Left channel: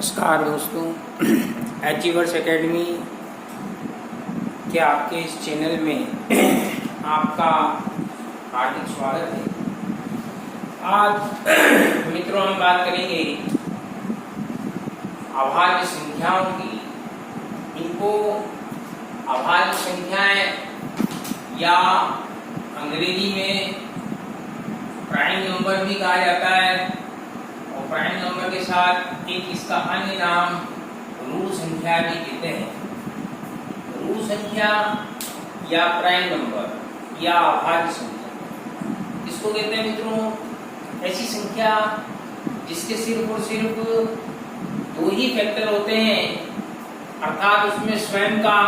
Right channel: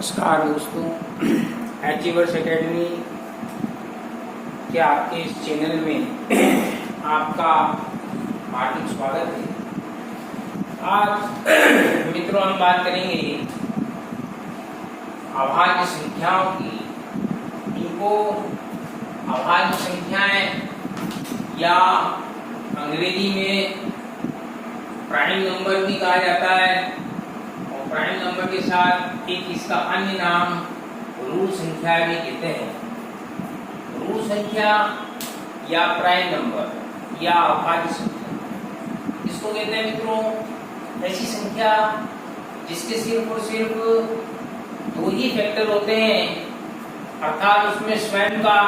नमस्कार दोस्तों, achievers academy के आपके इस चैनल में आपका हार्दिक स्वागत है। आज मित्रों हम बात करेंगे अभाज्य संख्याओं की। इनको अभाज्य संख्याएं या अंग्रेजी में प्राइम नंबर भी कहा जाता है और प्राइम नंबर के साथ एक इसका अन्य नाम ऋण संख्या भी कहते हैं। ऋण संख्या या प्राइम नंबर या अभाज्य संख्या इसको कहते हैं मित्रों ऐसी संख्या जिसके सिर्फ और सिर्फ दो ही फैक्टर होते हैं, अर्थात उसमें स्वयं का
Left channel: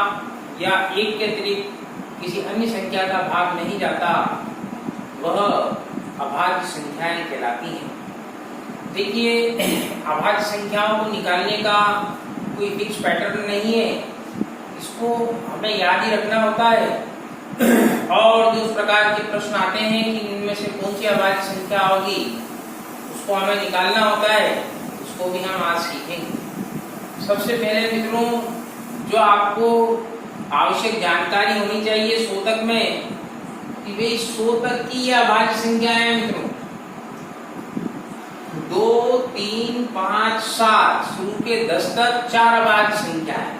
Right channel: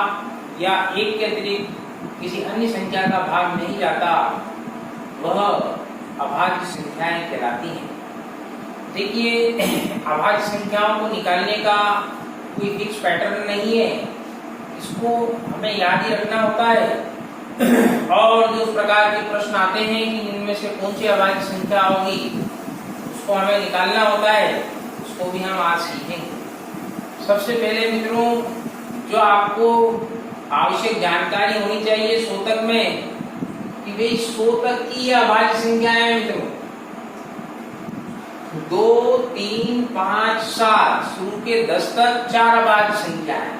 या एक के अतिरिक्त किसी अन्य संख्या का भाग नहीं जाता, वह अभाज्य संख्याएं कहलाती हैं। देखिए, अभाज्य संख्याओं को निकालने का कोई फिक्स पैटर्न नहीं है, इसको हमें याद ही रखना होता है। और जो प्रकार के प्रश्न आते हैं कि इनमें से कौन सी अभाज्य संख्या होगी, उसको हमें निकालना होता है, उसको भी हम आज सीखेंगे। सबसे पहले मित्रों, जो आपको आवश्यक जानकारी होनी चाहिए शोधक में कि भाई शोधक की अभाज्य संख्या है मित्रों 2, 3, 5, 7 शुरू के 10 तक 4 अभाज्य संख्या है।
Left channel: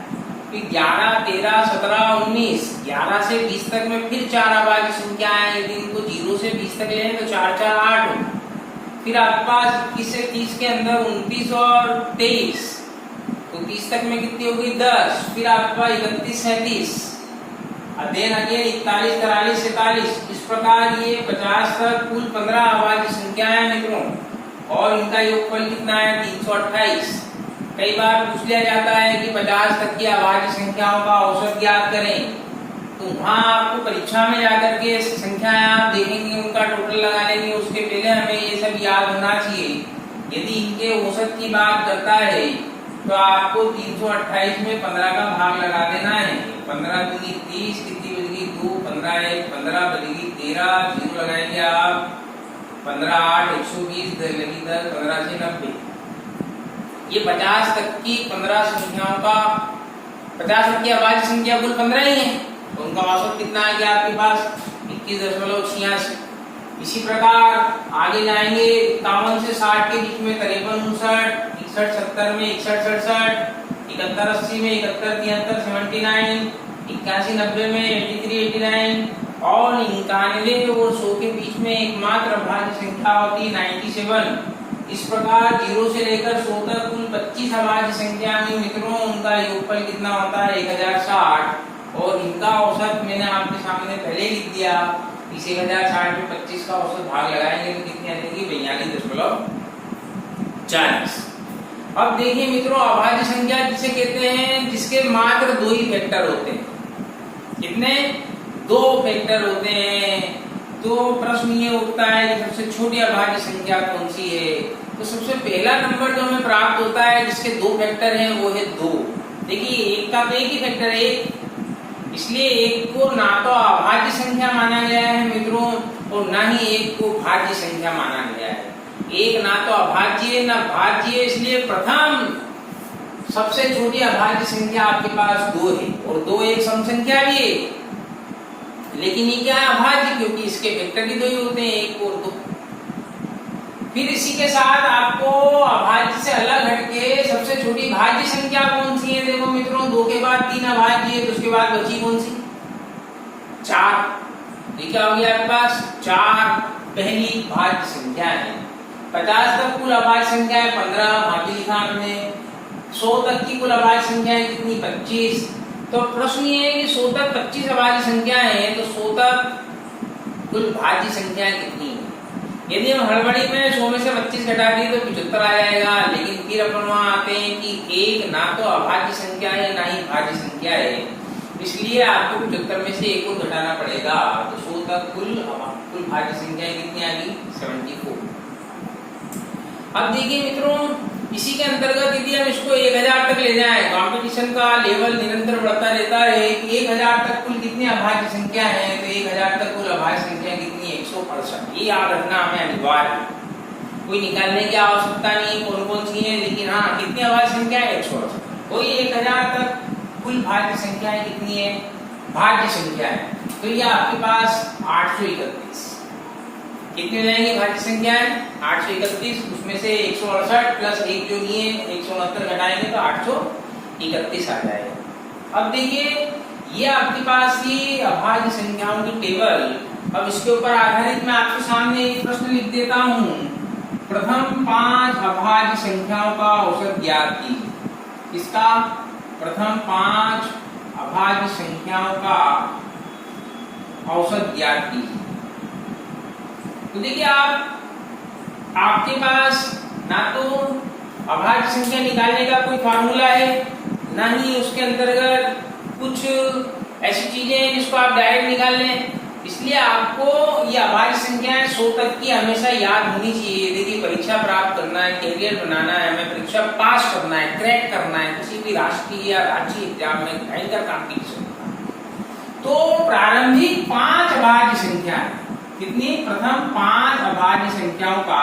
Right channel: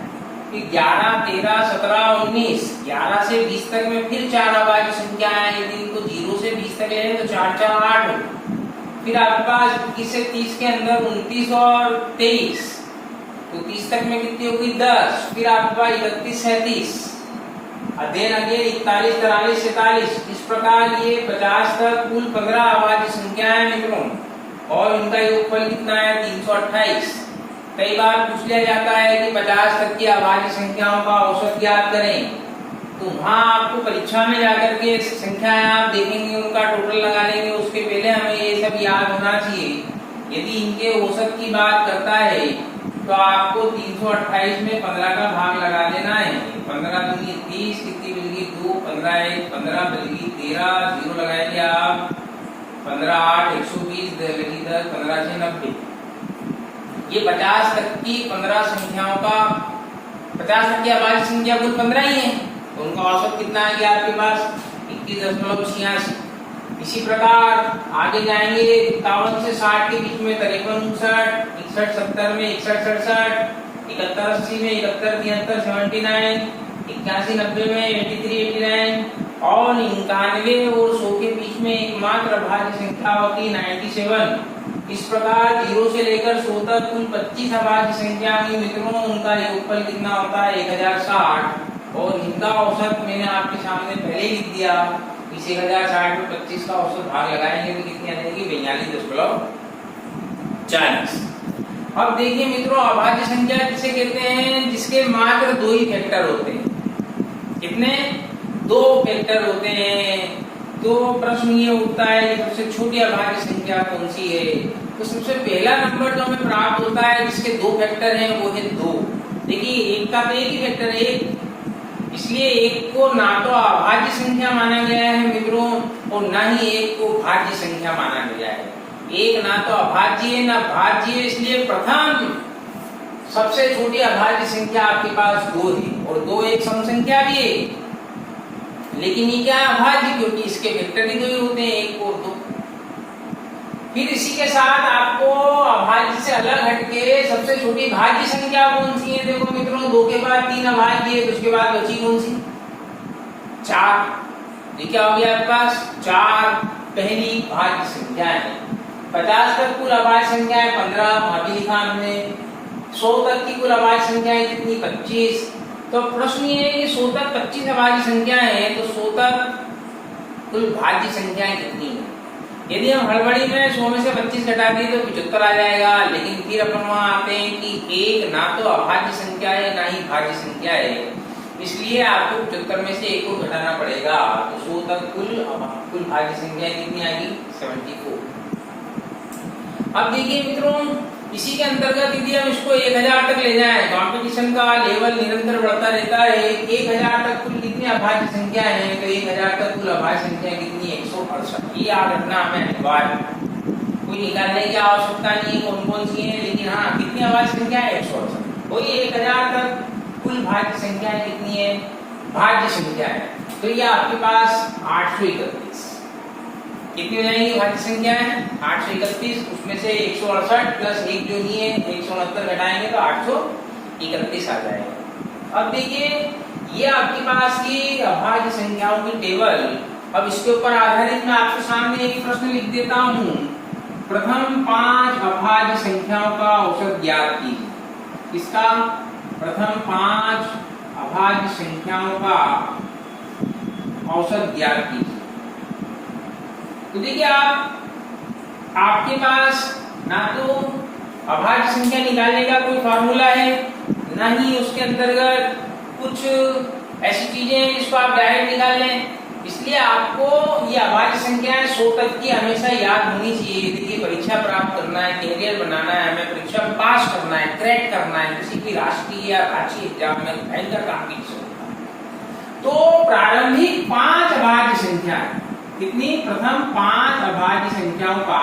फिर 11, 13, 17, 19, 11 से 20 तक में फिर 4 अभाज्य संख्या है। यदि इनको 0 से 20 तक ले तो 4, 4, 8। फिर आपके पास 21 से 30 के अंदर 29 और 23, तो 30 तक में कितनी होगी 10। फिर आपके पास 31, 37, अध्ययन 41, 43, 47। इस प्रकार ये 50 तक कुल 15 अभाज्य संख्या है मित्रों, और इनका योगफल कितना है 328। कई बार पूछ लिया जाता है कि 50 तक की अभाज्य संख्याओं का औसत ज्ञात करें, तो वहां आपको परीक्षा में जाकर के संख्याएं आप देखेंगे, उनका टोटल लगा लेंगे। उसके पहले हमें ये सब याद होना चाहिए। यदि इनके औसत की बात करता है तो आपको 328 में 15 का भाग लगा देना है। 15 दूनी 30, कितनी बचेगी 2, 15 1, 15 बचेगी 13, 0 लगाएंगे आप 15, 8, 120, लगी 10, 15 से 90। ये 50 तक की 15 संख्याओं का 50 तक की अभाज्य संख्या कुल 15 ही है, तो उनका औसत कितना आ गया आपके पास 21.86। इसी प्रकार आगे जाएंगे 51 से 60 के बीच में 53, 59, 61, 70 में 61, 67, 71, 80 में 71, 73, 79, 81, 90 में 83, 89 और 91 और 100 के बीच में एकमात्र अभाज्य संख्या होती है 97। इस प्रकार 0 से लेकर 100 तक कुल 25 अभाज्य संख्या हुई मित्रों। उनका योगफल कितना होता है 1060, और इनका औसत मैंने आपके सामने पहले ही लिख दिया। इस 1060 में 25 का औसत भाग लगाएंगे तो कितनी आ जाएगी 42.40। अब देखिए मित्रों, अभाज्य संख्या किसे कहते हैं जिसके मात्र 2 ही फैक्टर होते हैं। कितने? 2 फैक्टर होते हैं। तो प्रश्न ये उठता है कि सबसे छोटी अभाज्य संख्या कौन सी है। तो सबसे पहला नंबर जो हमें प्राप्त होता है जिसके 2 फैक्टर हैं वो है 2। देखिए, एक का तो एक ही फैक्टर है 1, इसलिए एक को ना तो अभाज्य संख्या माना गया है मित्रों और ना ही एक को भाज्य संख्या माना गया है। एक ना तो अभाज्य है ना भाज्य है, इसलिए प्रथम सबसे छोटी अभाज्य संख्या आपके पास 2 है, और 2 एक सम संख्या भी है, लेकिन ये क्या है अभाज्य, क्योंकि इसके वेक्टर ही 2 ही होते हैं 1 और 2। फिर इसी के साथ आपको अभाज्य से अलग हटके सबसे छोटी भाज्य संख्या कौन सी है। देखो मित्रों, 2 के बाद 3 अभाज्य है, तो उसके बाद बची कौन सी 4। ये क्या हो गया आपके पास 4 पहली भाज्य संख्या है। 50 तक कुल अभाज्य संख्या है 15, भाभी लिखा हमने। 100 तक की कुल अभाज्य संख्या है कितनी 25। तो प्रश्न ये है कि 100 तक 25 अभाज्य संख्या है, तो 100 तक कुल भाज्य संख्या कितनी है। यदि हम हड़बड़ी में 100 में से 25 घटा दिए तो 75 आ जाएगा, लेकिन फिर अपन वहां आते हैं कि एक ना तो अभाज्य संख्या है ना ही भाज्य संख्या है, इसलिए आपको 75 में से एक को घटाना पड़ेगा। तो 100 तक कुल भाज्य संख्या कितनी आएगी 74। अब देखिए मित्रों, इसी के अंतर्गत यदि हम इसको 1000 तक ले जाएं, कंपटीशन का लेवल निरंतर बढ़ता रहता है। 1000 तक कुल कितनी अभाज्य संख्या है, तो 1000 तक कुल अभाज्य संख्या कितनी 168। ये याद रखना हमें अनिवार्य। कोई निकालने की आवश्यकता नहीं कौन कौन सी है, लेकिन हाँ कितनी अभाज्य संख्या है 168। कोई 1000 तक कुल भाज्य संख्या कितनी है, भाज्य संख्या है, तो ये आपके पास 831 कितनी हो जाएंगी भाज्य संख्या है 831, उसमें से 168 प्लस एक जो नहीं है 169 घटाएंगे तो 831 आ जाएगा। अब देखिए ये आपके पास ये अभाज्य संख्याओं की टेबल, अब इसके ऊपर आधारित मैं आपके सामने एक प्रश्न लिख देता हूँ। प्रथम 5 अभाज्य संख्याओं का औसत ज्ञात कीजिए। इसका प्रथम 5 अभाज्य संख्याओं का औसत ज्ञात कीजिए। तो देखिए आपके पास ना तो अभाज्य संख्या निकालने का कोई फार्मूला है, ना ही उसके अंतर्गत कुछ ऐसी चीजें हैं जिसको आप डायरेक्ट निकाल लें, इसलिए आपको ये अभाज्य संख्याएं 100 तक की हमेशा याद होनी चाहिए। देखिए परीक्षा प्राप्त करना है, कैरियर बनाना है, हमें परीक्षा पास करना है, क्रैक करना है, किसी भी राष्ट्रीय या राज्य एग्जाम में भयंकर कॉम्पिटिशन, तो प्रारंभिक 5 अभाज्य संख्या कितनी, प्रथम 5 अभाज्य संख्याओं का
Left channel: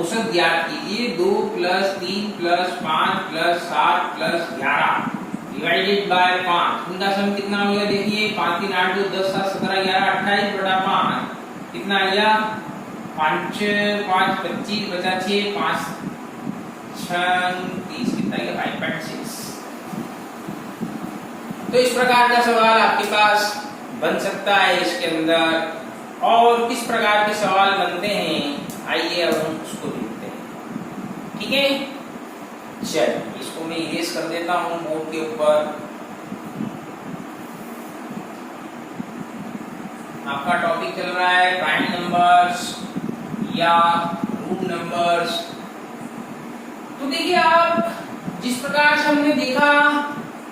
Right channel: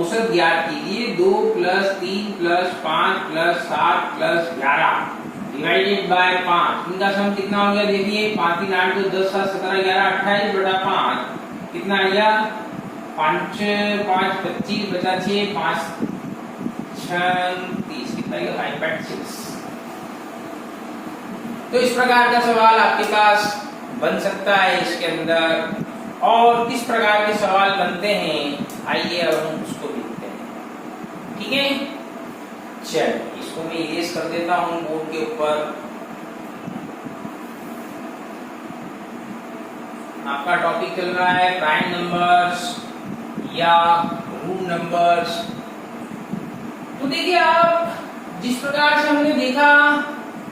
औसत ज्ञात कीजिए। 2 + 3 + 5 + 7 + 11 डिवाइडेड बाय 5, इनका सम कितना हो गया देखिए 5 3 8 2 10 7 17 11 28 बटा 5 कितना आ गया 5 5 25 बचा 6 5 6 30 कितना आएगा 5.6। तो इस प्रकार का सवाल आपके पास बन सकता है इसके अंदर। और किस प्रकार के सवाल बनते हैं आइए अब हम उसको देखते हैं, ठीक है। चलिए इसको मैं इरेज कर देता हूं बोर्ड के ऊपर। आपका टॉपिक चल रहा है प्राइम नंबर्स या रूट नंबर्स। तो देखिए आप जिस प्रकार से हमने देखा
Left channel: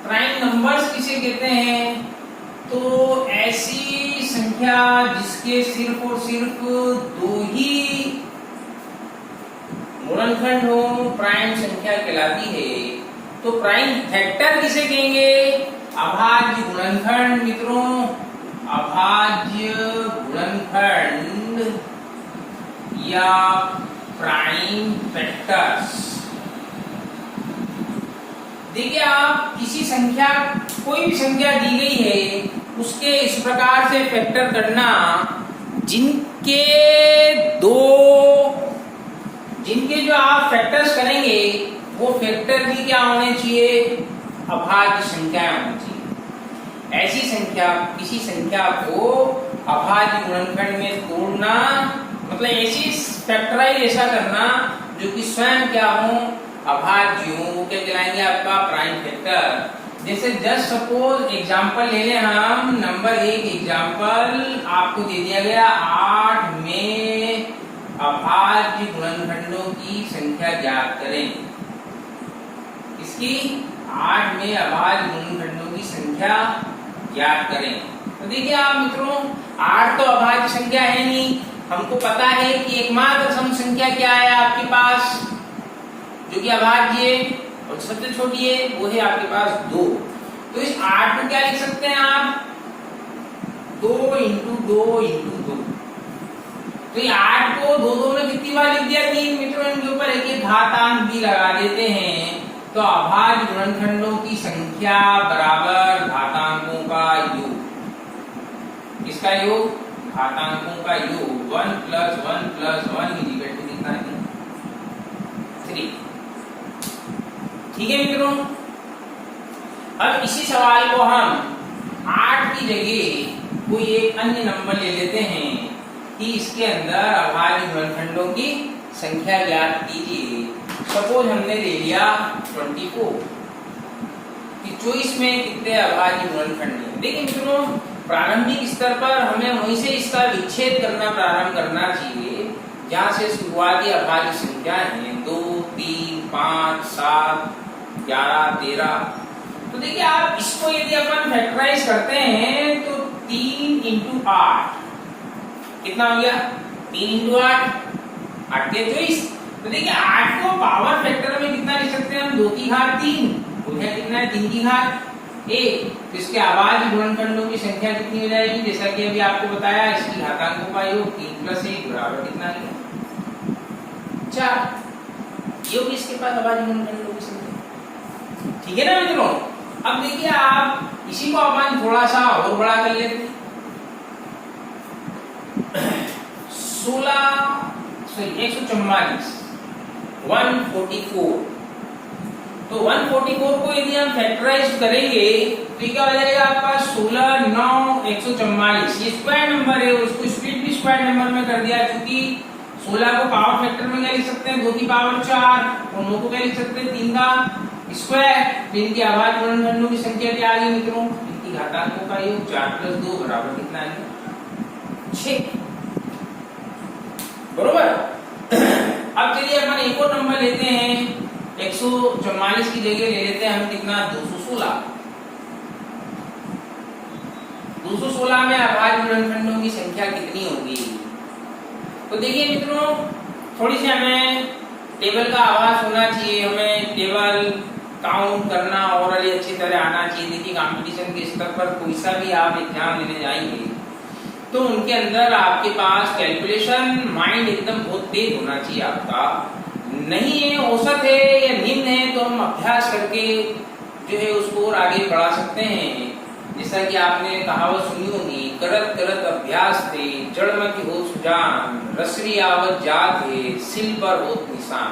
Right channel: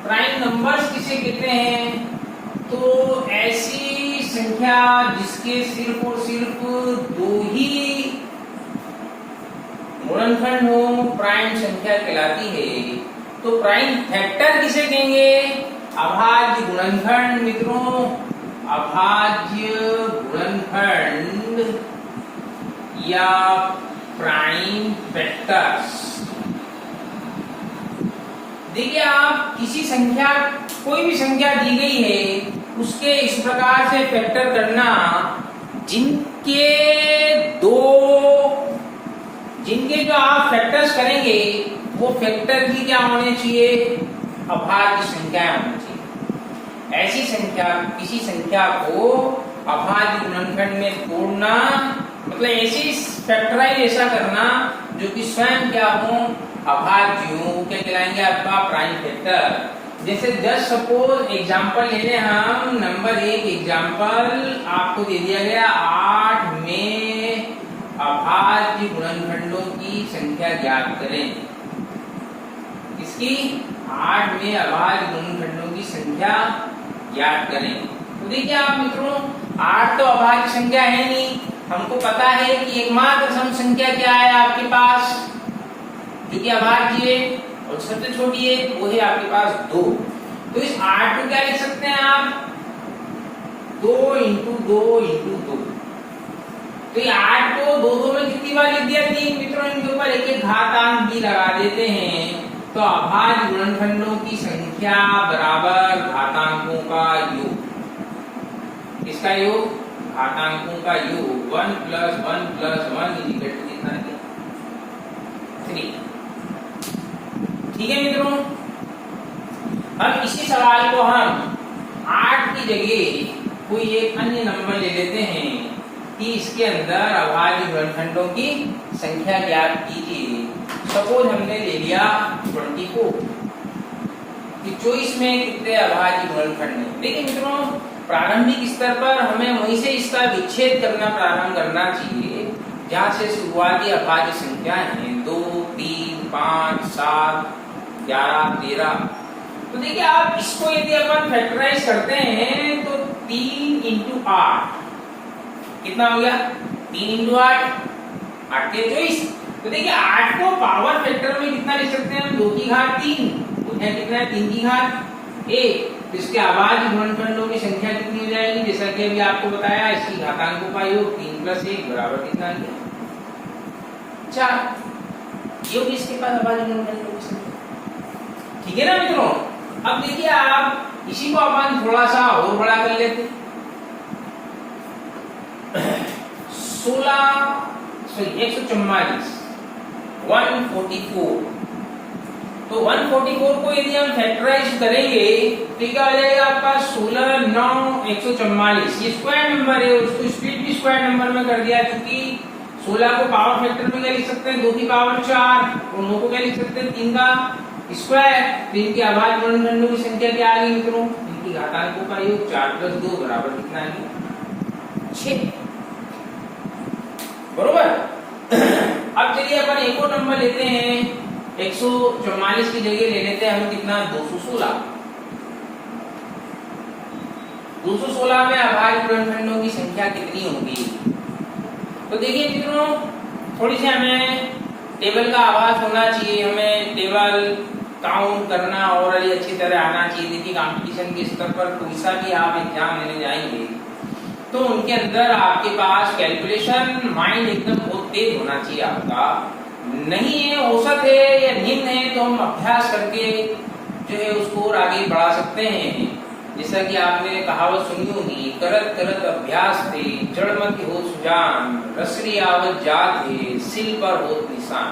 प्राइम नंबर्स किसे कहते हैं, तो ऐसी संख्या जिसके सिर्फ और सिर्फ 2 ही गुणनखंड हो प्राइम संख्या कहलाती है। तो प्राइम फैक्टर किसे कहेंगे, अभाज्य गुणनखंड मित्रों, अभाज्य गुणनखंड या प्राइम फैक्टर्स। देखिए आप किसी संख्या कोई भी संख्या दी गई है उसके इस प्रकार से फैक्टर करना जिनके जो आप फैक्टर्स करेंगे वो फैक्टर भी क्या होने चाहिए, अभाज्य संख्या होनी चाहिए। ऐसी संख्या किसी संख्या को अभाज्य गुणनखंड में तोड़ना मतलब ऐसी फैक्टराइज ऐसा करना जो कि स्वयं क्या हो अभाज्य हो, वो क्या कहलाएंगे आपका प्राइम फैक्टर। जैसे जस्ट सपोज एग्जांपल ले लें हम, नंबर 1 एग्जांपल आपको दे दिया गया 8 में अभाज्य गुणनखंडों की संख्या ज्ञात करें। इसकी 8 में अभाज्य गुणनखंडों की संख्या ज्ञात करें। तो देखिए आप मित्रों 8 तो अभाज्य संख्या है नहीं, हमको पता है कि एकमात्र सम संख्या क्या है आपके पास जो कि अभाज्य है और सबसे छोटी है वो है आपके पास 2। तो इस 8 को क्या लिख सकते हैं आप 2 × 2 × 2। तो ये 8 को 2 में कितनी बार लिख दिया 3 मित्रों, इनके ऊपर एक घातांक भी लगा देते हैं। तो अभाज्य गुणनखंडों की संख्या बराबर घातांकों का योग। किसका योग, घातांकों का योग। 1 + 1 + 1 कितना है 3। ठीक है मित्रों, अब इसी सवाल को हम 8 की जगह कोई एक अन्य नंबर ले लेते हैं कि इसके अंदर अभाज्य गुणनखंडों की संख्या ज्ञात कीजिए। सपोज हमने ले लिया 24 कि 24 में कितने अभाज्य गुणनखंड हैं। देखिए मित्रों प्रारंभिक स्तर पर हमें वहीं से इसका विच्छेद करना प्रारंभ करना चाहिए जहां से शुरुआती अभाज्य संख्या है 2 3 5 7 11 13। तो देखिए आप इसको यदि अपन फैक्टराइज करते हैं तो 3 × 8 कितना हो गया 3 × 8 8 के 24। तो देखिए 8 को पावर फैक्टर में कितना लिख सकते हैं हम 2 की घात 3, वो है कितना है 3 की घात 1। तो इसके अभाज्य गुणनखंडों की संख्या कितनी हो जाएगी, जैसा कि अभी आपको बताया इसकी घातांकों का योग 3 + 1 बराबर कितना है 4। ये होगी इसके पास अभाज्य गुणनखंडों की संख्या। ठीक है ना मित्रों। अब देखिए आप इसी को अपन थोड़ा सा और बड़ा कर लेते हैं। 144 144। तो 144 को यदि हम फैक्टराइज करेंगे तो क्या आ जाएगा आपका 16 9 144। ये स्क्वायर नंबर है, उसको स्प्लिट भी स्क्वायर नंबर में कर दिया, क्योंकि 16 को पावर फैक्टर में क्या लिख सकते हैं 2 की पावर 4 और 9 को क्या लिख सकते हैं 3 का स्क्वायर। तो इनकी अभाज्य गुणनखंडों की संख्या क्या आ गई मित्रों, इनकी घातांकों का योग 4 + 2 बराबर कितना आ गया 6। बरोबर। अब चलिए अपन एक और नंबर लेते हैं, 144 की जगह ले लेते हैं हम कितना 216। 216 में अभाज्य गुणनखंडों की संख्या कितनी होगी। तो देखिए मित्रों, थोड़ी सी हमें टेबल का आभास होना चाहिए, हमें टेबल काउंट करना और अच्छी तरह आना चाहिए। देखिए कंपटीशन के स्तर पर कोई सा भी आप एग्जाम लेने जाएंगे तो उनके अंदर आपके पास कैलकुलेशन माइंड एकदम बहुत तेज होना चाहिए आपका। नहीं है, औसत है या निम्न है, तो हम अभ्यास करके जो है उसको और आगे बढ़ा सकते हैं। जैसा कि आपने कहावत सुनी होगी, करत करत अभ्यास थे जड़ मत हो सुजान, रसरी आवत जात है सिल पर होत निशान।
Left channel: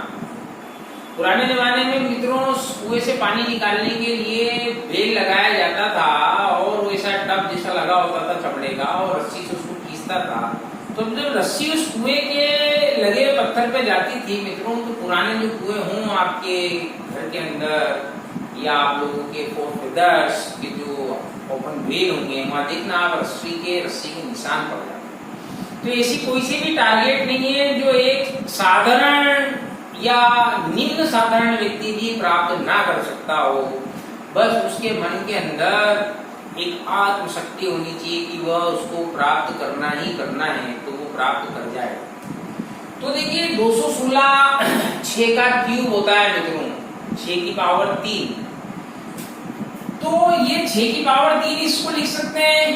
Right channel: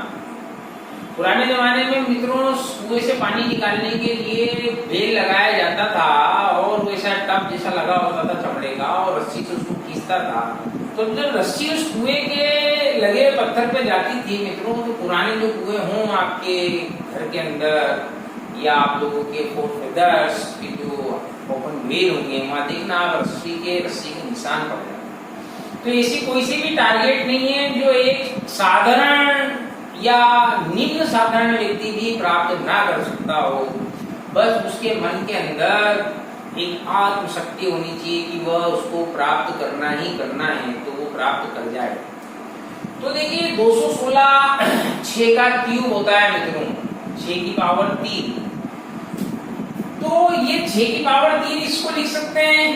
पुराने जमाने में मित्रों कुएं से पानी निकालने के लिए बेल लगाया जाता था और वैसा टब जैसा लगा होता था चमड़े का, और रस्सी से उसको खींचता था। तो जब रस्सी उस कुएं के लगे पत्थर पे जाती थी मित्रों, तो पुराने जो कुएं हों आपके घर के अंदर या आप लोगों के फोर फेदर्स के जो ओपन वेल होंगे, वहां देखना आप रस्सी के निशान पड़ जाते। तो ऐसी कोई सी भी टारगेट नहीं है जो एक साधारण या निम्न साधारण व्यक्ति भी प्राप्त ना कर सकता हो। बस उसके मन के अंदर एक आत्मशक्ति होनी चाहिए कि वह उसको प्राप्त करना ही करना है, तो वो प्राप्त कर जाए। तो देखिए 216 6 का क्यूब होता है मित्रों, 6 की पावर 3। तो ये 6 की पावर 3 इसको लिख सकते हैं।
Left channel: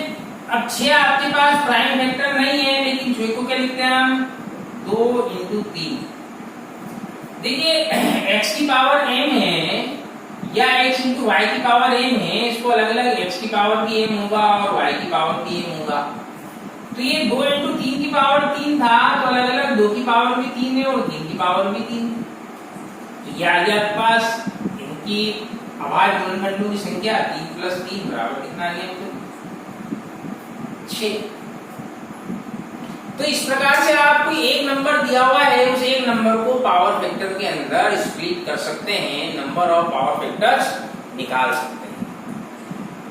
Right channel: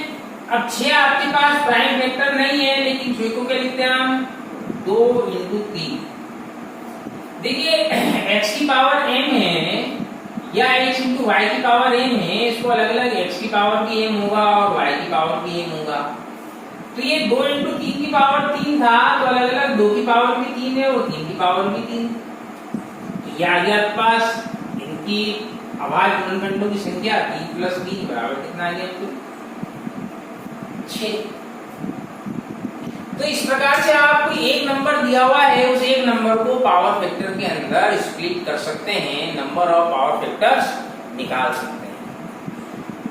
अब 6 आपके पास प्राइम वेक्टर नहीं है, लेकिन 6 को क्या लिखते हैं हम 2 × 3। देखिए x की पावर m है या x × y की पावर m है, इसको अलग अलग x की पावर भी m होगा और y की पावर भी m होगा। तो ये 2 × 3 की पावर 3 था, तो अलग अलग 2 की पावर भी 3 है और 3 की पावर भी 3। तो ये आ गया आपके पास इनकी अभाज्य गुणनखंडों की संख्या 3 + 3 बराबर कितना आ गया 6। तो इस प्रकार से आपको एक नंबर दिया हुआ है, उस एक नंबर को पावर फैक्टर के अंदर स्प्लिट कर सकते हैं, नंबर ऑफ पावर फैक्टर्स निकाल सकते हैं।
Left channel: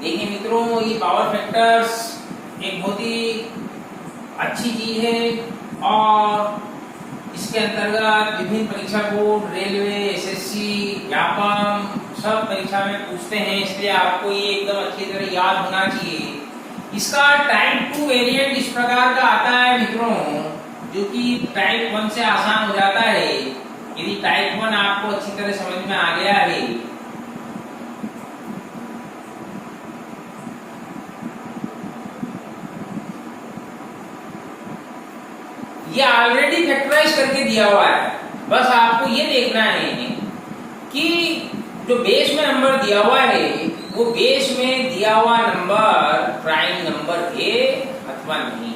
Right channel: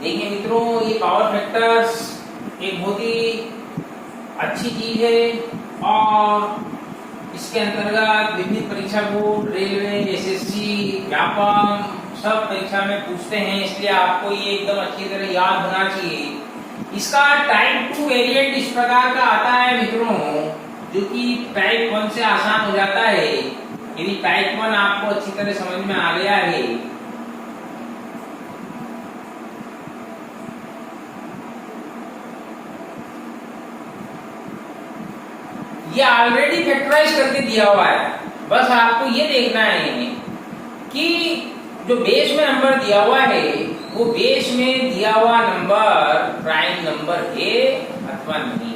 देखिए मित्रों, ये पावर फैक्टर्स एक बहुत ही अच्छी चीज है और इसके अंतर्गत विभिन्न परीक्षा बोर्ड, रेलवे, एसएससी, व्यापम सब परीक्षा में पूछते हैं, इसलिए आपको ये एकदम अच्छी तरह याद होना चाहिए। इसका टाइप 2 वेरिएंट इस प्रकार का आता है मित्रों, जो कि टाइप 1 से आसान हो जाता है। यदि टाइप 1 आपको अच्छी तरह समझ में आ गया है, ये ऑलरेडी फैक्टराइज करके दिया हुआ है। बस आपको ये देखना है कि जो बेस में नंबर दिया हुआ है वो बेस में दिया हुआ नंबर प्राइम नंबर है अथवा नहीं।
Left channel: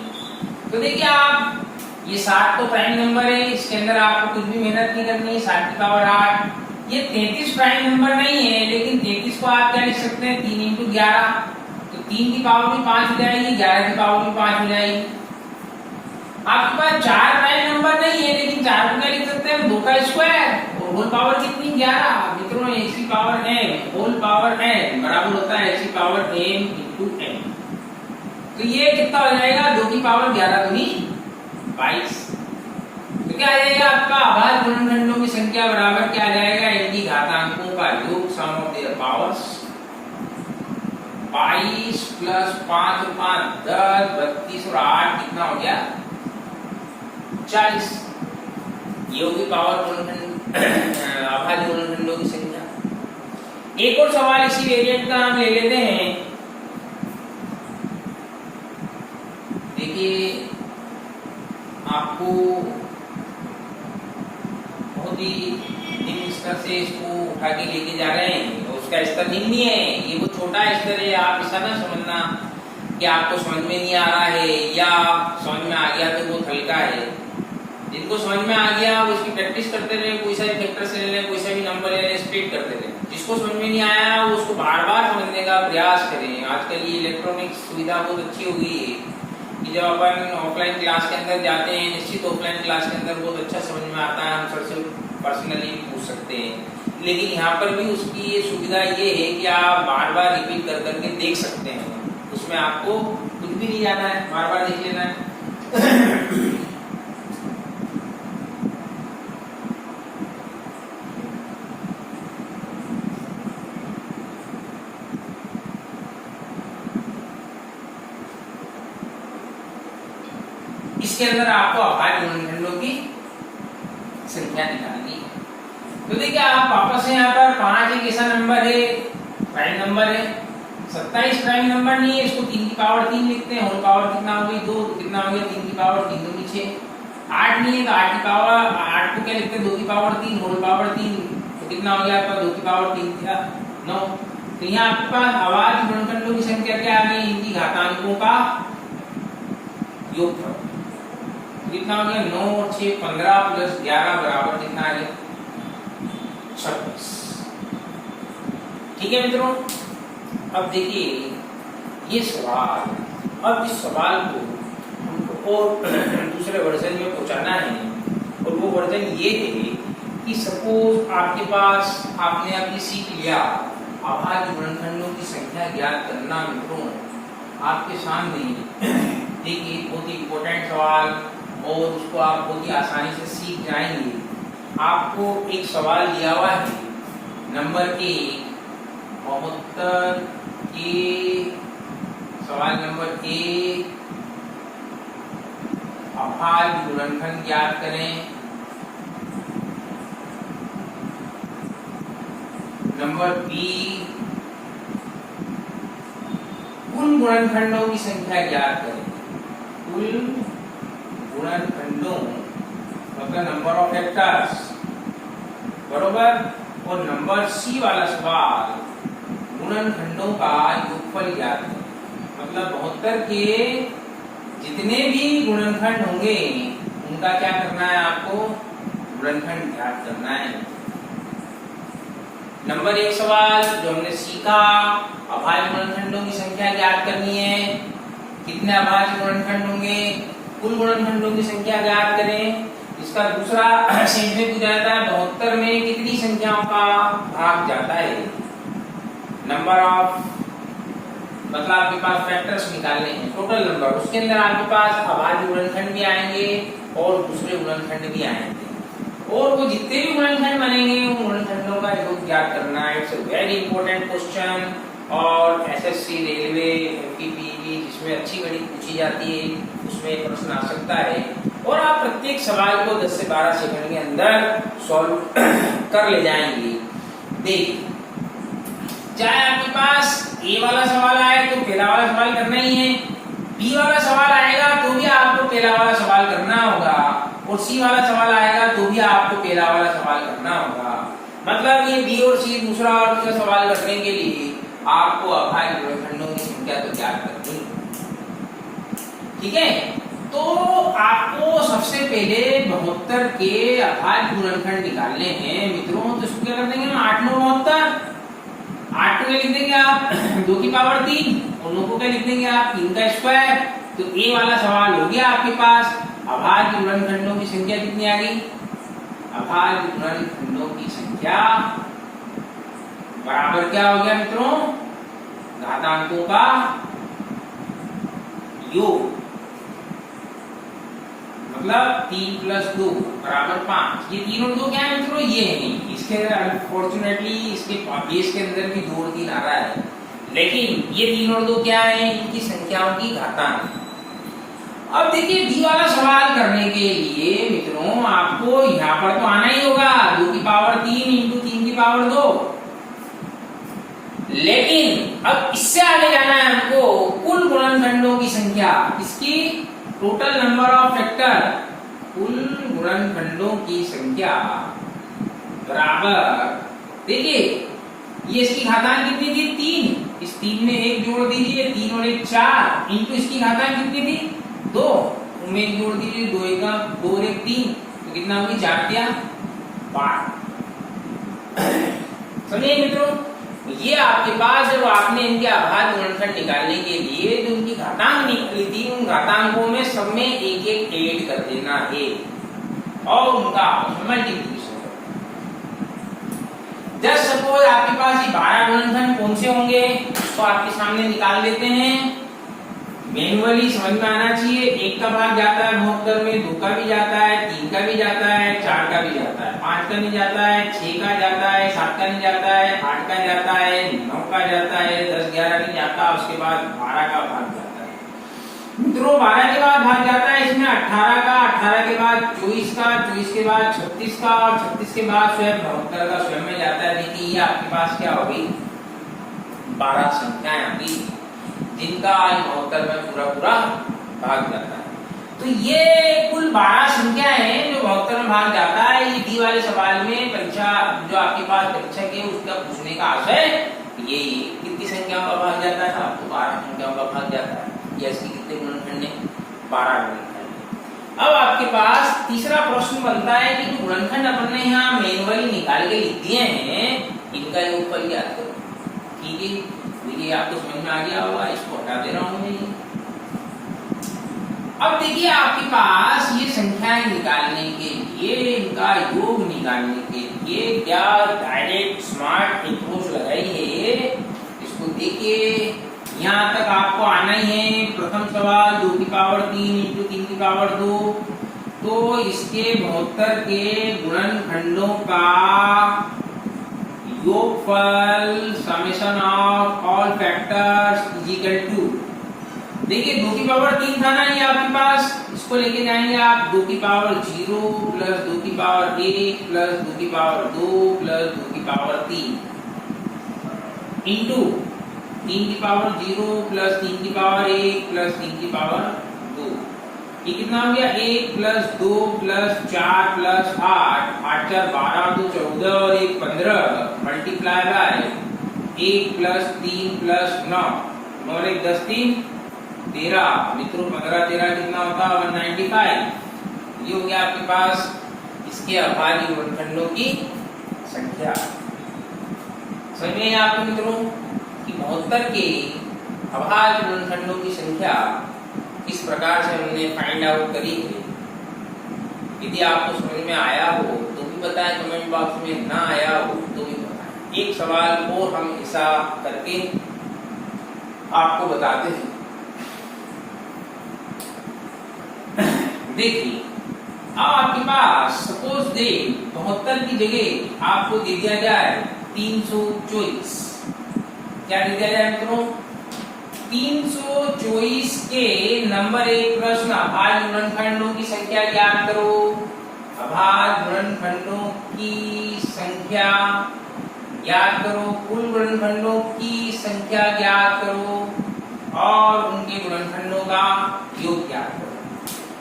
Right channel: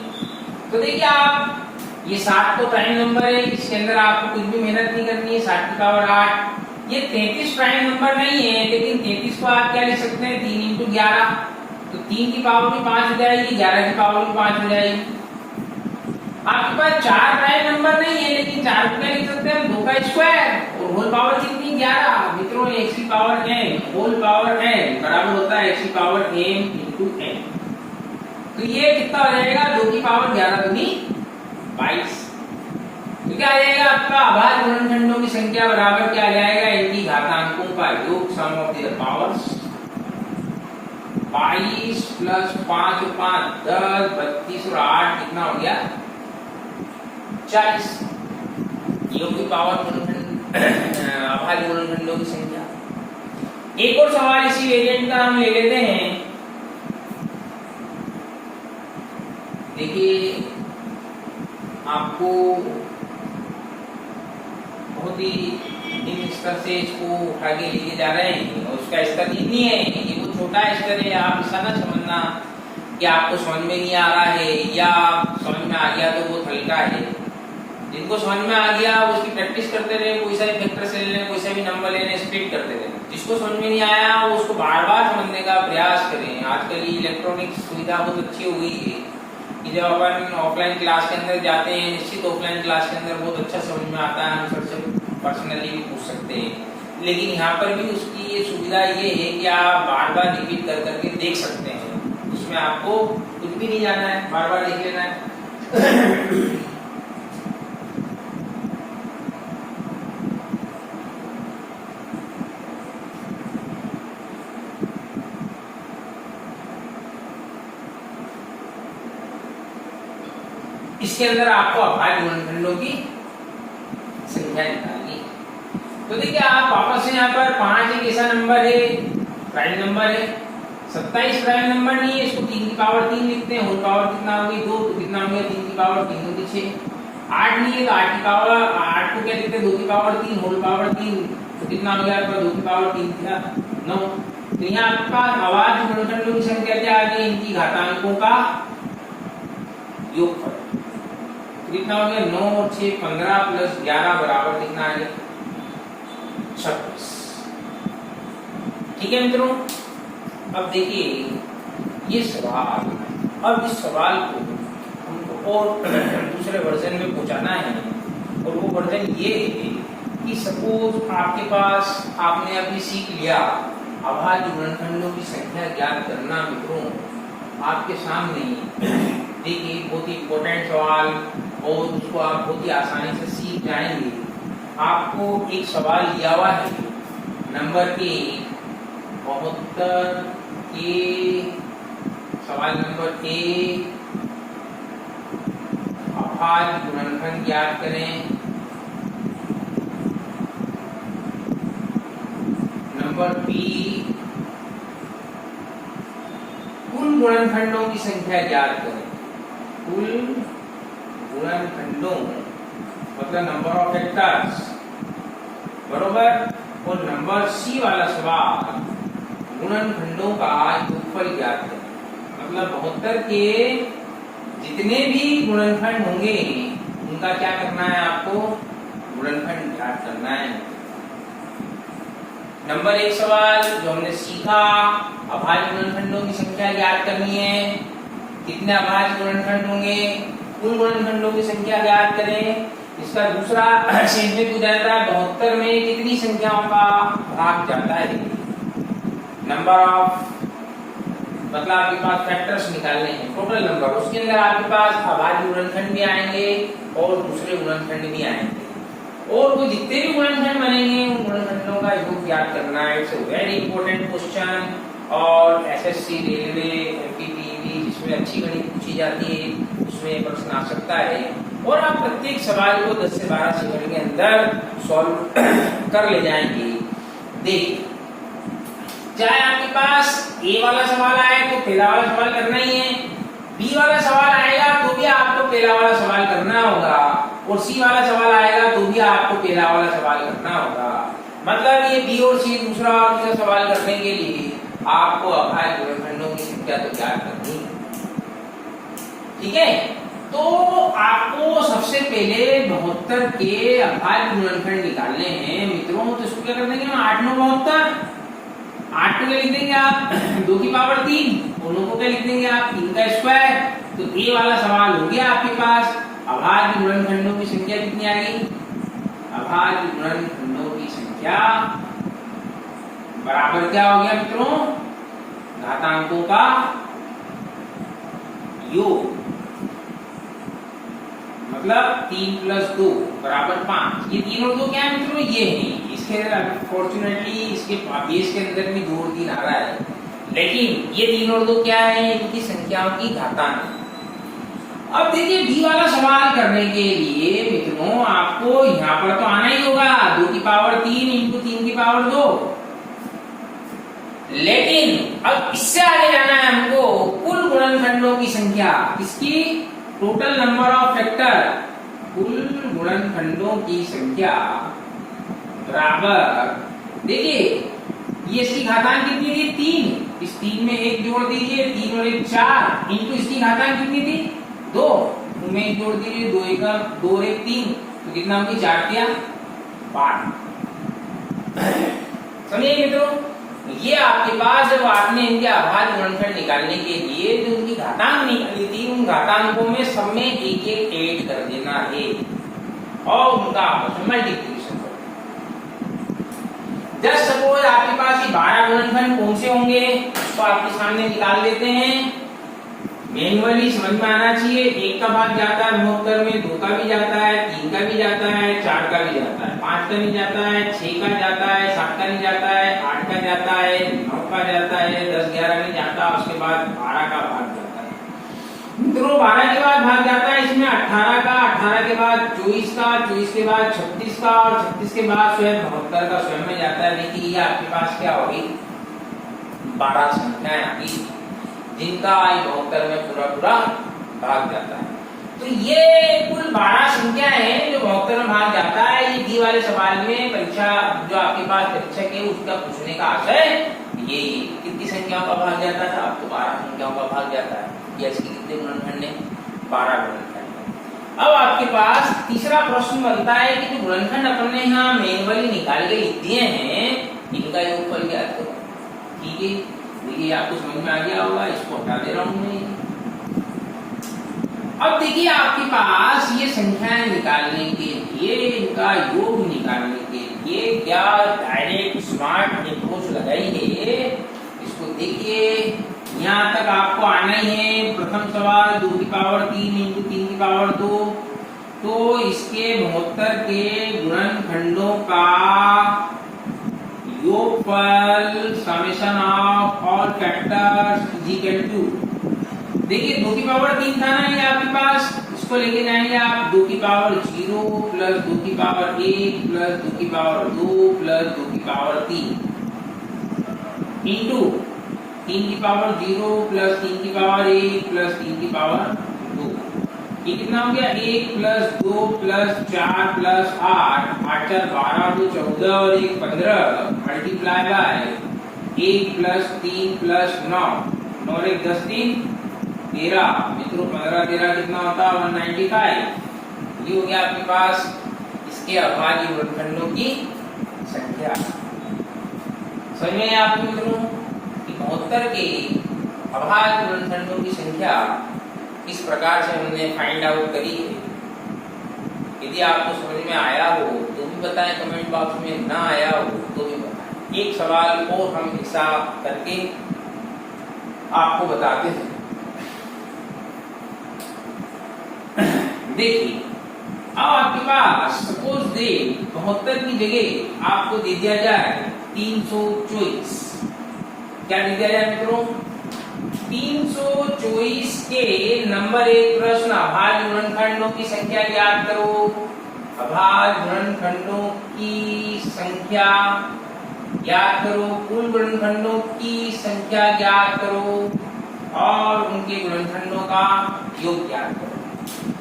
तो देखिए आप ये 60 तो प्राइम नंबर है, इसके अंदर आपको कुछ भी मेहनत नहीं करनी है। 60 की पावर 8। ये 33 प्राइम नंबर नहीं है, लेकिन 33 को आप क्या लिख सकते हैं 3 × 11। तो 3 की पावर भी 5 हो जाएगी, 11 की पावर भी 5 हो जाएगी। आपके पास 4 प्राइम नंबर नहीं है, लेकिन 4 को क्या लिख सकते हैं 2 का स्क्वायर और होल पावर कितनी 11। मित्रों x की power m whole power n बराबर होता है x की पावर m × n। तो ये कितना हो जाएगा 2 की पावर 11 दूनी 22। तो क्या आ जाएगा आपका अभाज्य गुणनखंडों की संख्या बराबर क्या आ जाएगा इनकी घातांकों का योग, सम ऑफ देयर पावर्स। 22 + 5 और 5 10 32 और 8 कितना हो गया 40। योग की पावर अभाज्य गुणनखंडों की संख्या। एक और सवाल इसी वेरिएंट का हम ले लेते हैं। देखिए आपको बहुत ही निम्न स्तर से इसको उठा के लेके जा रहे हैं, और उसका स्तर निम्न है, ये वो छोटा स्तर है। आप ऐसा ना समझना कि आपको समझ में नहीं आ रहा है या समझ में आ गया तो वो हल्का है। जिनको समझ में आ गया वो इसकी प्रैक्टिस करते रहे, कोई सा भी फैक्टर से ले लें, कोई सा भी नंबर ले लें, स्प्लिट करते रहे। जिसको समझ में नहीं आया वो उसको बार बार समझने का प्रयास करें। आजकल ये इलेक्ट्रॉनिक सुविधा बहुत अच्छी हो गई है कि जब अपन ऑफलाइन क्लास के अंदर जाते हैं, निश्चित ऑफलाइन क्लास के अंदर बहुत अच्छा समझ में आता है, हम सर से पर्सनली भी पूछ सकते हैं। लेकिन यहाँ पर भी उसकी ये सुविधा ये है कि आप बार बार रिपीट कर करके देख सकते हैं, उसमें आपको कुछ भी नहीं जाना है, बार बार देख लेना है। इसके अंदर आपको अभाज्य गुणनखंडों की संख्या निकालनी है। तो देखिए आप वापस से यहाँ पर 5 एक ऐसा नंबर है, प्राइम नंबर है। 27 प्राइम नंबर नहीं है, इसको 3 की पावर 3 लिखते हैं। होल पावर कितना हो गई 2, तो कितना हो गया 3 की पावर 3 दूनी 6। 8 नहीं है तो 8 की पावर 8 को क्या लिखते हैं 2 की पावर 3, होल पावर 3, तो कितना हो गया आपका 2 की पावर 3 था 9। तो यहाँ आपके पास अभाज्य गुणनखंडों की संख्या क्या आ गई, इनकी घातांकों का योगफल। कितना हो गया 9 और 6 15 प्लस 11 बराबर कितना आ गया 26। ठीक है मित्रों, अब देखिए ये सवाल, अब इस सवाल को हमको और दूसरे वर्जन में पहुंचाना है, और वो वर्जन ये है कि सपोज आपके पास आपने अभी सीख लिया अभाज्य गुणनखंडों की संख्या ज्ञात करना। मित्रों आपके सामने देखिए बहुत ही इंपॉर्टेंट सवाल, और उसको आप बहुत ही आसानी से सीख जाएंगे। आपको एक सवाल दिया हुआ है नंबर 1 72 के, सवाल नंबर 1 अभाज्य गुणनखंड ज्ञात करें। नंबर बी कुल गुणनखंडों की संख्या ज्ञात करें। कुल गुणनखंडों मतलब नंबर ऑफ फैक्टर्स, बरोबर। और नंबर सी वाला सवाल गुणनखंडों का योगफल ज्ञात करें। मतलब 72 के जितने भी गुणनखंड होंगे उनका क्या करना है, आपको गुणनखंड ज्ञात करना है। नंबर 1 सवाल जो हमने सीखा, अभाज्य गुणनखंडों की संख्या ज्ञात करनी है। कितने अभाज्य गुणनखंड होंगे, कुल गुणनखंडों की संख्या ज्ञात करें। इसका दूसरा सेंटेंस पूछा जाता है 72 में कितनी संख्याओं का भाग जाता है। नंबर ऑफ मतलब आपके पास फैक्टर्स निकालने हैं, टोटल नंबर, उसके अंदर आपके पास अभाज्य गुणनखंड भी आएंगे और दूसरे गुणनखंड भी आएंगे, और वो जितने भी गुणनखंड बनेंगे उन गुणनखंडों का योग ज्ञात करना है। It's a very important question, और एसएससी, रेलवे, एमपीपीवी जिसमें अच्छी गणित पूछी जाती है उसमें प्रश्न आ सकता है, और आप प्रत्येक सवाल को 10 से 12 सेकंड के अंदर सॉल्व कर ले जाएंगे। देखिए चाहे आपके पास ए वाला सवाल आए तो पहला वाला सवाल करना ही है, बी वाला सवाल आएगा तो भी आपको पहला वाला सवाल करना होगा, और सी वाला सवाल आएगा तो भी आपको पहला वाला सवाल करना होगा। मतलब ये बी और सी दूसरा और तीसरा सवाल करने के लिए आपको अभाज्य गुणनखंडों की संख्या तो ज्ञात करनी। ठीक है, तो आपको सबसे पहले 72 के अभाज्य गुणनखंड निकालने हैं मित्रों। तो इसको क्या कर देंगे, 8 9 72, 8 को क्या लिख देंगे आप 2 की पावर 3, और 9 को क्या लिख देंगे आप 3 का स्क्वायर। तो ए वाला सवाल हो गया आपके पास। अभाज्य गुणनखंडों की संख्या कितनी आ गई, अभाज्य गुणनखंडों की संख्या बराबर क्या हो गया मित्रों, घातांकों का योग। मतलब 3 + 2 बराबर 5। ये 3 और 2 क्या है मित्रों, ये है। इसके अनफॉर्चुनेटली इसके बेस के अंदर भी 2 और 3 आ रहा है, लेकिन ये 3 और 2 क्या है, इनकी संख्याओं की घातांक। अब देखिए डी वाला सवाल करने के लिए मित्रों आपको यहाँ पर तो आना ही होगा 2 की पावर 3 इंटू 3 की पावर 2, लेकिन अब इससे आगे जाना है हमको कुल गुणनखंडों की संख्या। किसकी, टोटल नंबर ऑफ फैक्टर, कुल गुणनखंडों की संख्या बराबर, देखिए ये इसकी घातांक कितनी थी 3, इस 3 में 1 जोड़ दीजिए, 3 और 1 4, इंटू इसकी घातांक कितनी थी 2, में 1 जोड़ दीजिए, 2 1 2 और 1 3, तो कितना होगी 4 3 12। समझिए मित्रों, ये आपके पास जब आपने इनके अभाज्य गुणनखंड निकालने के लिए जो उनकी घातांक निकाली थी, उन घातांकों में सब में एक एक ऐड कर देना है और उनका आपस में मल्टीप्लिकेशन कर देना। जस्ट सपोज आपके पास ये 12 गुणनखंड कौन से होंगे, तो आपके सामने निकाल देते हैं। मैन्युअली समझ में आना चाहिए, 1 का भाग जाता है 72 में, 2 का भी जाता है, 3 का भी जाता है, 4 का भी जाता है, 5 का नहीं जाता है, 6 का जाता है, 7 का नहीं जाता है, 8 का जाता है, 9 का जाता है, 10 11 नहीं जाता, उसके बाद 12 का भाग जाता है। मित्रों 12 के बाद भाग जाता है इसमें 18 का, 18 के बाद 24 का, 24 के बाद 36 का और 36 के बाद स्वयं 72 का स्वयं में जाता है। देखिए ये आपके पास क्या होगी 12 संख्याएं आती जिनका 72 में पूरा भाग जाता है। तो ये कुल 12 संख्या है जो 72 में भाग जाता है। ये डी वाले सवाल में परीक्षा जो आपके पास परीक्षक है उसका पूछने का आशय ये कितनी संख्याओं का भाग जाता था, आपको 12 संख्याओं का भाग जाता है। या इसकी कितने गुणनखंड है 12 गुणनखंड है। अब आपके पास तीसरा प्रश्न बनता है कि जो गुणनखंड अपन ने यहाँ मैन्युअली निकाल के लिख दिए हैं इनका योगफल ज्ञात करो। ठीक है, देखिए आपको समझ में आ गया होगा, इसको हटा दे रहा हूं मैं। अब देखिए आपके पास ये संख्याएं निकालने के लिए, इनका योग निकालने के लिए क्या डायरेक्ट स्मार्ट अप्रोच लगाई है, इसको देखिए। यहाँ तक आपको आना ही है। प्रथम सवाल 2 की पावर 3 इंटू 3 की पावर 2, तो इसके 72 के गुणनखंडों का योगफल summation of all factors is equal to, देखिए 2 की पावर 3 था ना ये आपके पास, इसको लेके जाएंगे आप 2 की पावर 0 प्लस 2 की पावर 1 प्लस 2 की पावर 2 प्लस 2 की पावर 3 इंटू 3 की पावर 0 प्लस 3 की पावर 1 प्लस 3 की पावर 2। ये कितना हो गया 1 प्लस 2 प्लस 4 प्लस 8, 8 4 12 2 14 और 1 15 मल्टीप्लाई बाय 1 प्लस 3 प्लस 9 9 और 1 10 3 13। मित्रों 15 13 कितना होता है 195। ये हो गया आपके पास इसके अभाज्य गुणनखंडों की संख्या। समझ में आया आपको मित्रों कि 72 के अभाज्य गुणनखंडों की संख्या इस प्रकार से हमने फाइंड आउट करी है। यदि आपको समझ में आया हो तो भी बताएं, कमेंट बॉक्स में ना आया हो तो भी बताएं। एक सवाल और हम हिस्सा करके आपको बताते हैं। देखिए अब आपके पास सपोज दे 72 की जगह आपको दे दिया जाए 324। क्या दे दिया जाए मित्रों 324 के नंबर 1 प्रश्न अभाज्य गुणनखंडों की संख्या ज्ञात करो। अभाज्य गुणनखंडों की संख्या ज्ञात करो, कुल गुणनखंडों की संख्या ज्ञात करो और उनके गुणनखंडों का योग ज्ञात करो।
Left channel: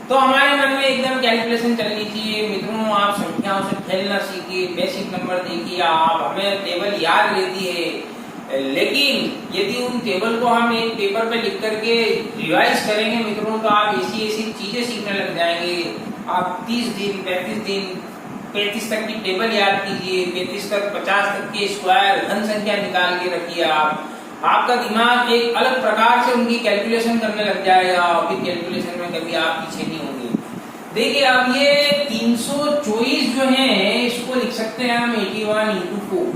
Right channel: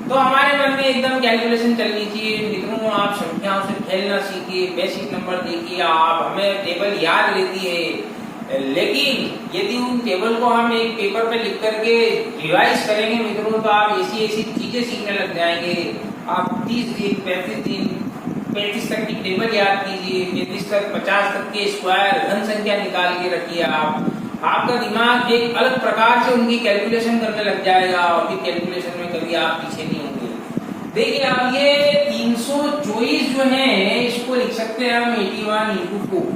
तो हमारे मन में एकदम कैलकुलेशन चलनी चाहिए मित्रों। आप संख्याओं से खेलना सीखिए, बेसिक नंबर देखिए। आप हमें टेबल याद रहती है, लेकिन यदि उन टेबल को हम एक पेपर पे लिख करके रिवाइज करेंगे मित्रों तो आप ऐसी ऐसी चीजें सीखने लग जाएंगे। आप 30 दिन 35 दिन 35 तक की टेबल याद कीजिए, 35 तक 50 तक के स्क्वायर धन संख्या निकाल के रखिए। आपका दिमाग एक अलग प्रकार से उनकी कैलकुलेशन करने लग जाएगा और फिर कैलकुलेशन में कभी आप पीछे नहीं होंगे। देखिए अब ये 324 जो है इसको लिख सकते हैं हम 81 इंटू 4।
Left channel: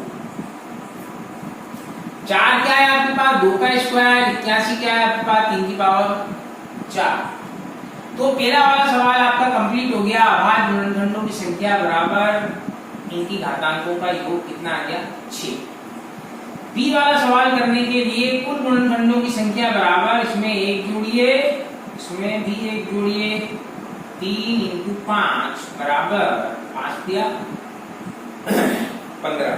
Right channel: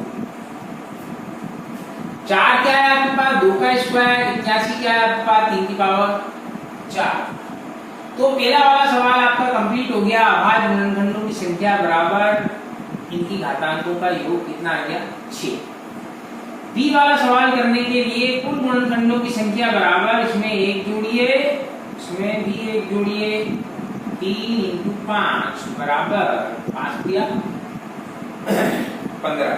4 क्या है आपके पास 2 का स्क्वायर, 81 क्या है आपके पास 3 की पावर 4। तो पहला वाला सवाल आपका कंप्लीट हो गया। अभाज्य गुणनखंडों की संख्या बराबर इनकी घातांकों का योग कितना आ गया 6। बी वाला सवाल करने के लिए कुल गुणनखंडों की संख्या बराबर, इसमें 1 जोड़िए, इसमें भी 1 जोड़िए, 3 इंटू 5 बराबर 5 दिया 15।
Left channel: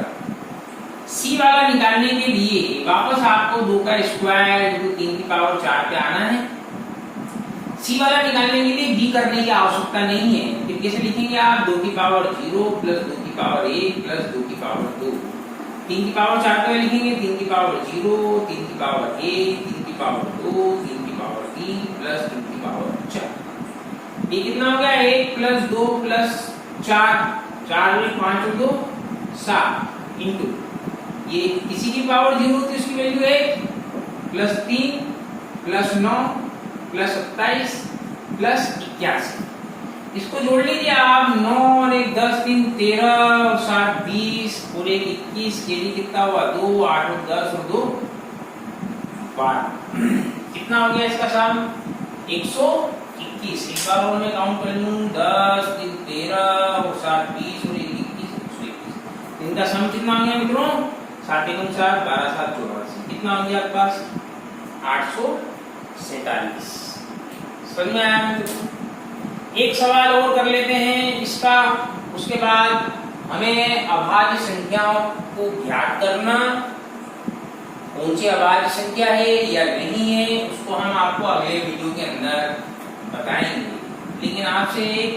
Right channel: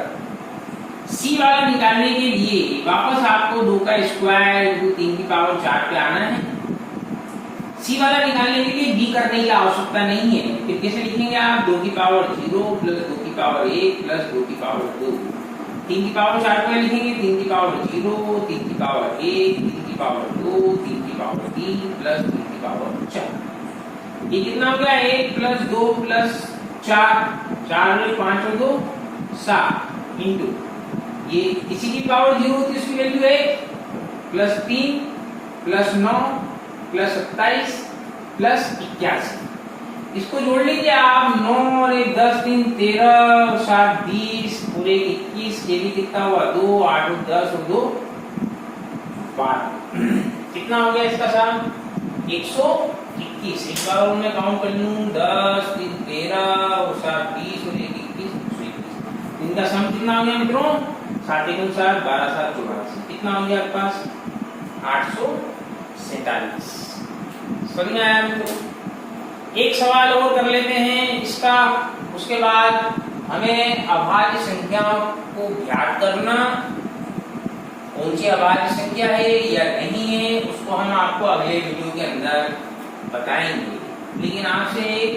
सी वाला निकालने के लिए वापस आपको 2 का स्क्वायर इंटू 3 की पावर 4 पे आना है। सी वाला निकालने के लिए बी करने की आवश्यकता नहीं है। फिर कैसे लिखेंगे आप 2 की पावर 0 प्लस 2 की पावर 1 प्लस 2 की पावर 2। 3 की पावर 4 को लिखेंगे, 3 की पावर 0, 3 की पावर 1, 3 की पावर 2, 3 की पावर 3 प्लस 3 की पावर 4। ये कितना हो गया? 1 प्लस 2 प्लस 4, 4 में 5 और 2 7 इंटू ये इसी की पावर 0 होती है, इसकी value 1 plus 3 plus 9 plus 27 plus 81। इसको जोड़ लीजिए आप, 9 और 1 10, 3 13 और 7 20 और 1 21, ये भी कितना हुआ? 2 8 और 10 और 2 12। कितना हो गया इसका सम? 121। एक बार और मैं काउंट कर लूं, 10 3 13 और 7 20 और 1 21 121। इनका सम कितना हो गया मित्रों? 7 × 7 12 7 84। कितना हो गया आपके पास? 847। समझ में आया मित्रों? एक सवाल और कर लेते हैं इसका, उसके बाद हमें अभाज्य संख्याओं को ज्ञात करना, कौन सी अभाज्य संख्या है या नहीं है उसको हम आपको अगले वीडियो के अंदर बताएंगे। लेकिन आपसे एक